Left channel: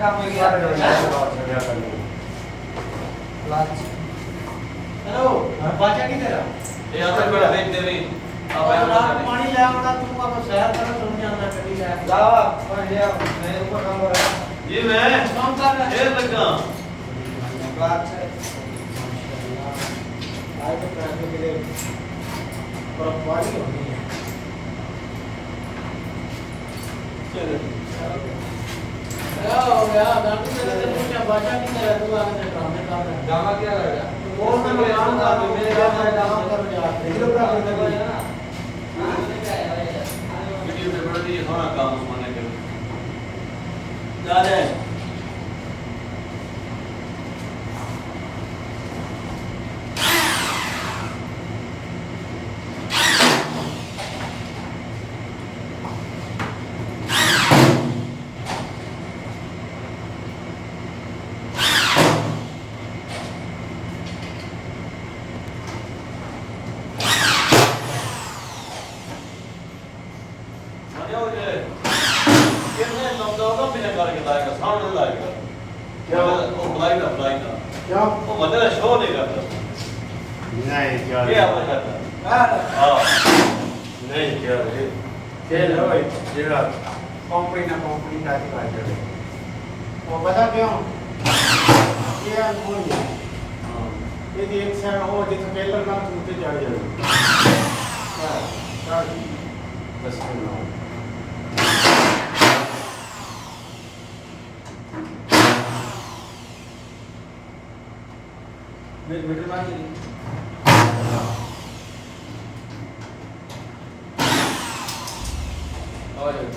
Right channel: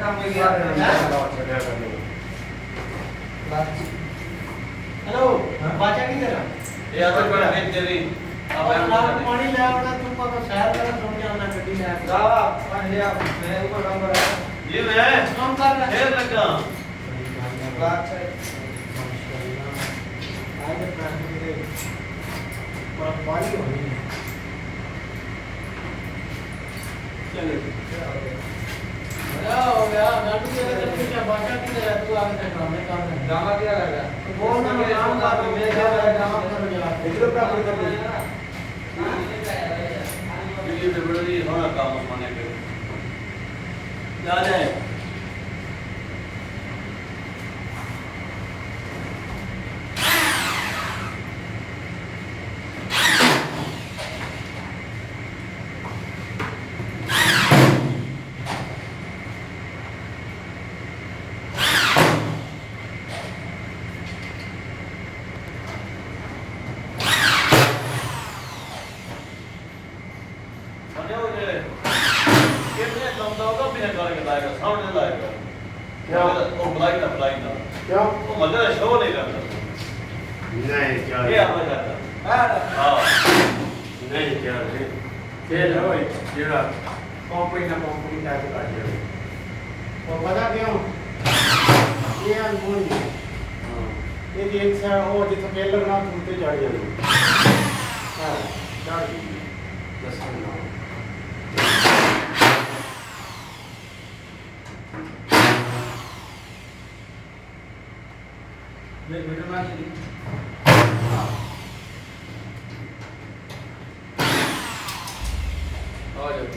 काम हो गया हेलो बाचा नहीं तेरा ये आता बड़ा भेज दे रही अब मैं पानी ले आवड़ा तू को शहर तरफ सुन जाना कटी ले ला ये मैं ऊपर काम कर रहा ये मैं काम कर रहा ये तक जा बात है आज प्रार्थना के लिए पर पानी होनी है चलो यार नाटक में तो मुझे बाचा नहीं लगा तू आगे काम में कर रहा गामा क्या रहेगा वो मैं काम कर मेरे काम कर रहा रेगुलर काम कर रहा वीडियो में बड़ा भी थोड़ा काम उसमाने पे जा जाए क्या वो ब्लाइंड अप्लाई कर क्या वो मतलब शो नहीं करता नहीं क्या ये आपने करता हां नहीं क्या भाई खेल हो ये बात कंपनी का के बात है और बता क्यों ये अनमोल है यदि एक साल और जितना पहले ना टूटे चढ़ जाए हां चार 10 मिनट एक मीटर मान लीजिए आ जाओ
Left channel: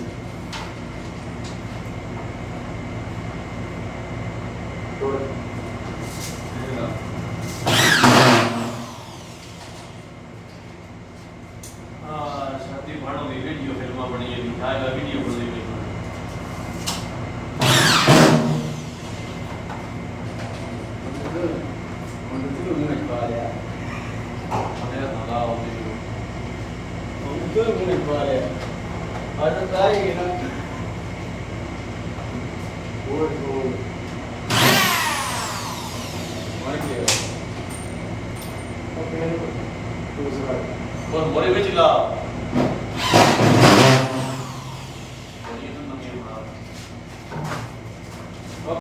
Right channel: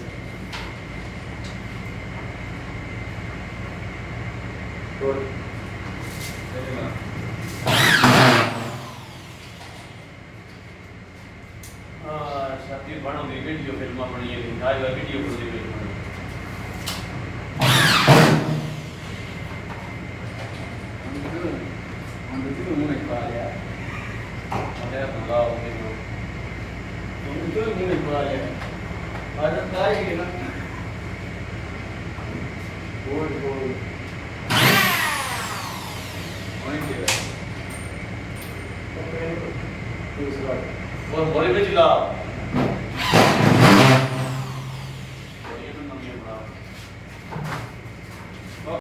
तो शादी बनो भी वीडियो फिल्म बनी है आज का वीडियो बन रही है और बड़े में चिल्ला